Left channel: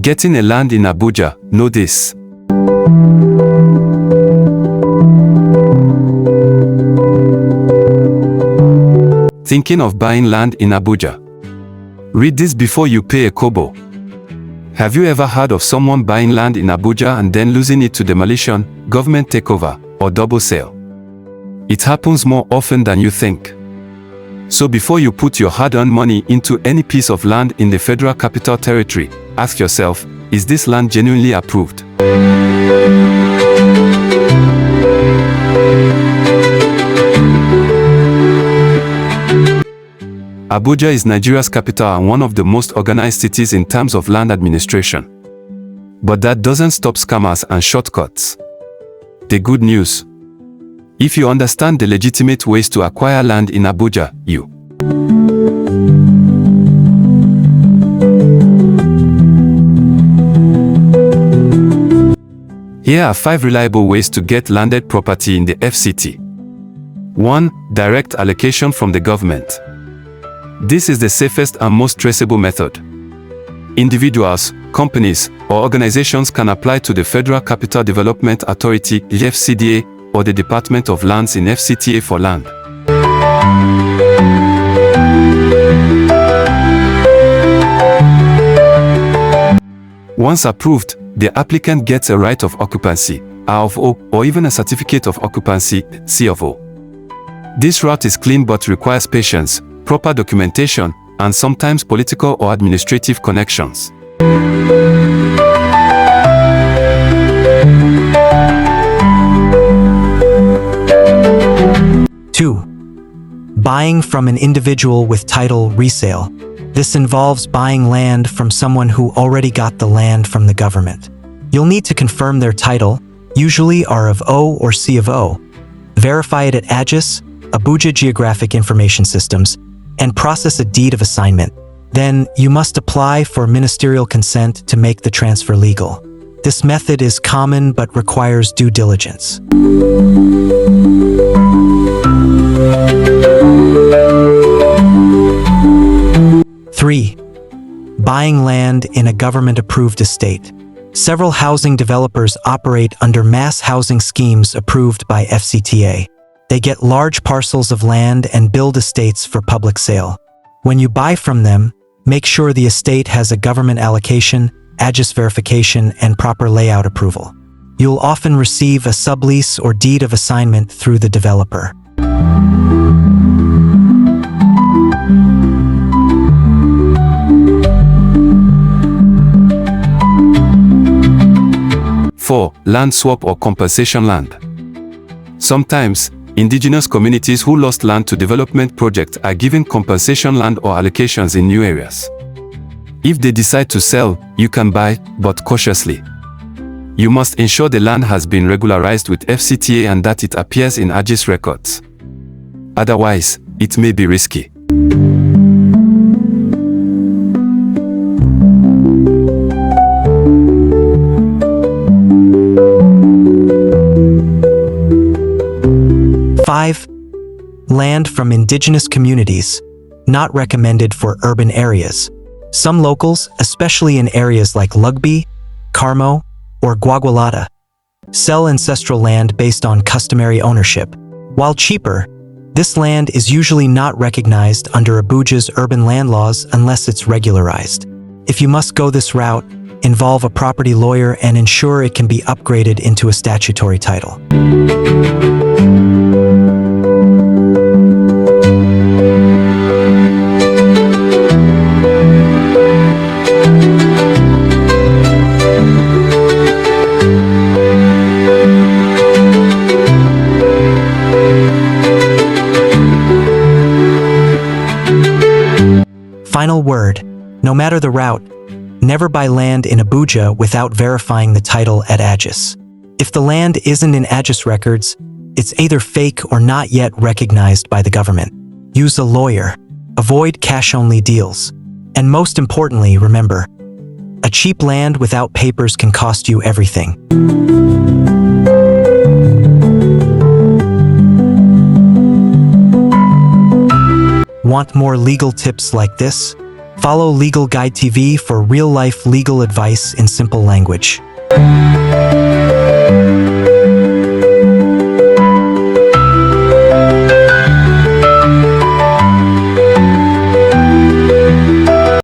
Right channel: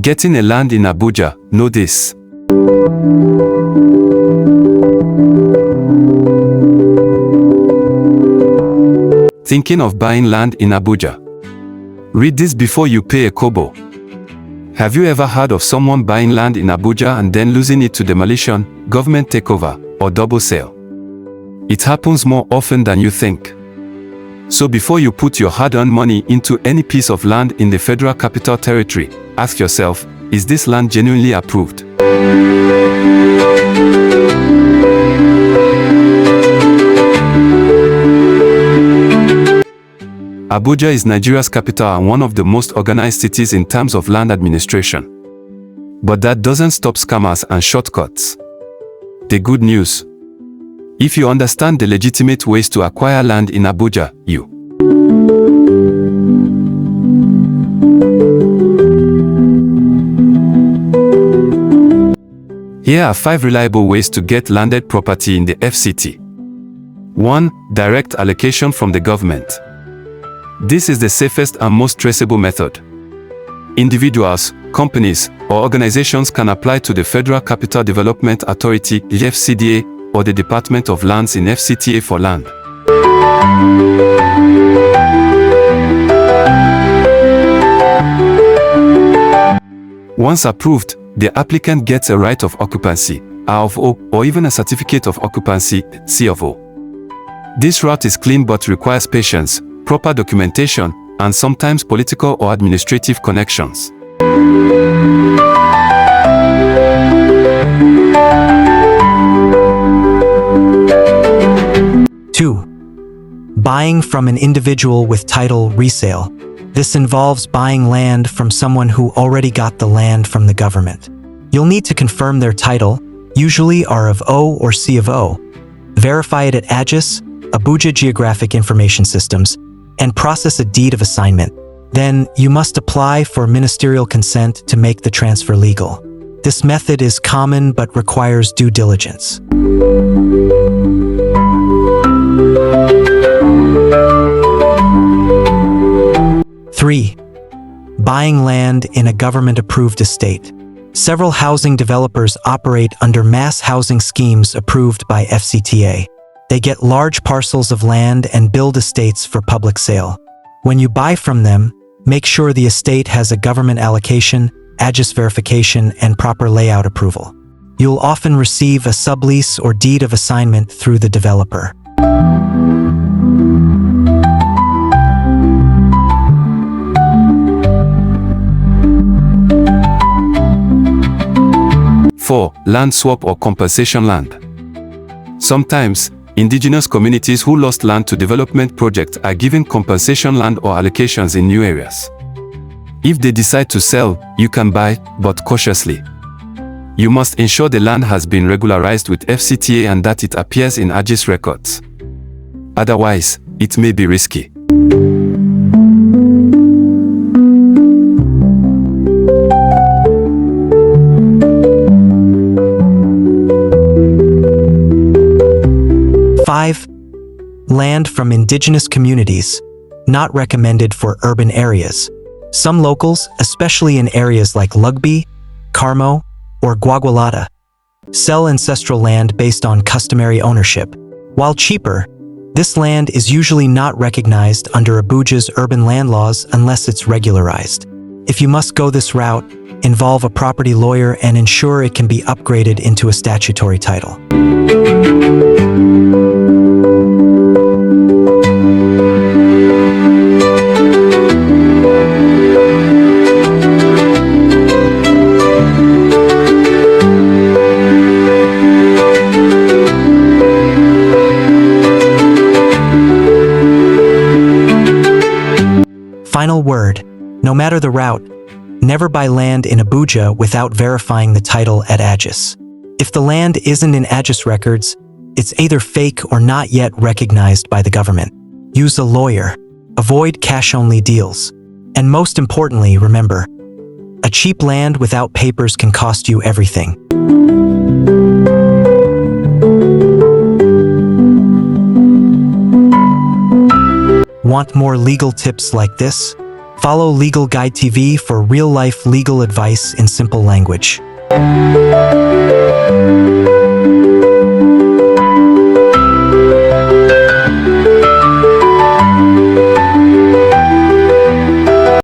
Getting a land in Abuja, know this. Thinking of buying land in Abuja? Read this before you pay a kobo. Have you ever heard of someone buying land in Abuja and then losing it to demolition, government takeover, or double sale? It happens more often than you think. So before you put your hard-earned money into any piece of land in the Federal Capital Territory, ask yourself, is this land genuinely approved? Abuja is Nigeria's capital and one of the most organized cities in terms of land administration. But that doesn't stop scammers and shortcuts. The good news: if you understand the legitimate ways to acquire land in Abuja, you Here are 5 reliable ways to get landed property in the FCT. 1. Direct allocation from the government. This is the safest and most traceable method. Individuals, companies, or organizations can apply to the Federal Capital Development Authority (FCDA) or the Department of Lands in FCTA for land. Once approved, the applicant gets a right of occupancy, (ROO), or even a certificate of occupancy, (COO). This route is clean but requires patience, proper documentation, and sometimes political or administrative connections. Two, buying from an individual with title resale. This involves buying land from someone who already got the land from the government. You'll need to confirm their title, usually R of O or C of O, verify it at AGIS, Abuja Geographic Information Systems, and process a deed of assignment. Then, you must apply for ministerial consent to make the transfer legal. This method is common but requires due diligence. Three, buying land in a government-approved estate. Several housing developers operate under mass housing schemes approved by FCTA. They get large parcels of land and build estates for public sale. When you buy from them, make sure the estate has a government allocation, AGIS verification, and proper layout approval. You'll often receive a sublease or deed of assignment through the developer. Four, land swap or compensation land. Sometimes, indigenous communities who lost land to development projects are given compensation land or allocations in new areas. If they decide to sell, you can buy, but cautiously. You must ensure the land has been regularized with FCTA and that it appears in AGIS records. Otherwise, it may be risky. Five, land from indigenous communities, not recommended for urban areas. Some locals, especially in areas like Lugby, Carmo, or Gwagwalada, sell ancestral land based on customary ownership. While cheaper, this land is usually not recognized under Abuja's urban land laws unless it's regularized. If you must go this route, involve a property lawyer and ensure it can be upgraded into a statutory title. Final word: no matter the route, never buy land in Abuja without verifying the title at AGIS. If the land isn't in AGIS records, it's either fake or not yet recognized by the government. Use a lawyer. Avoid cash-only deals. And most importantly, remember, a cheap land without papers can cost you everything. Want more legal tips like this? Follow Legal Guide TV for real-life legal advice in simple language.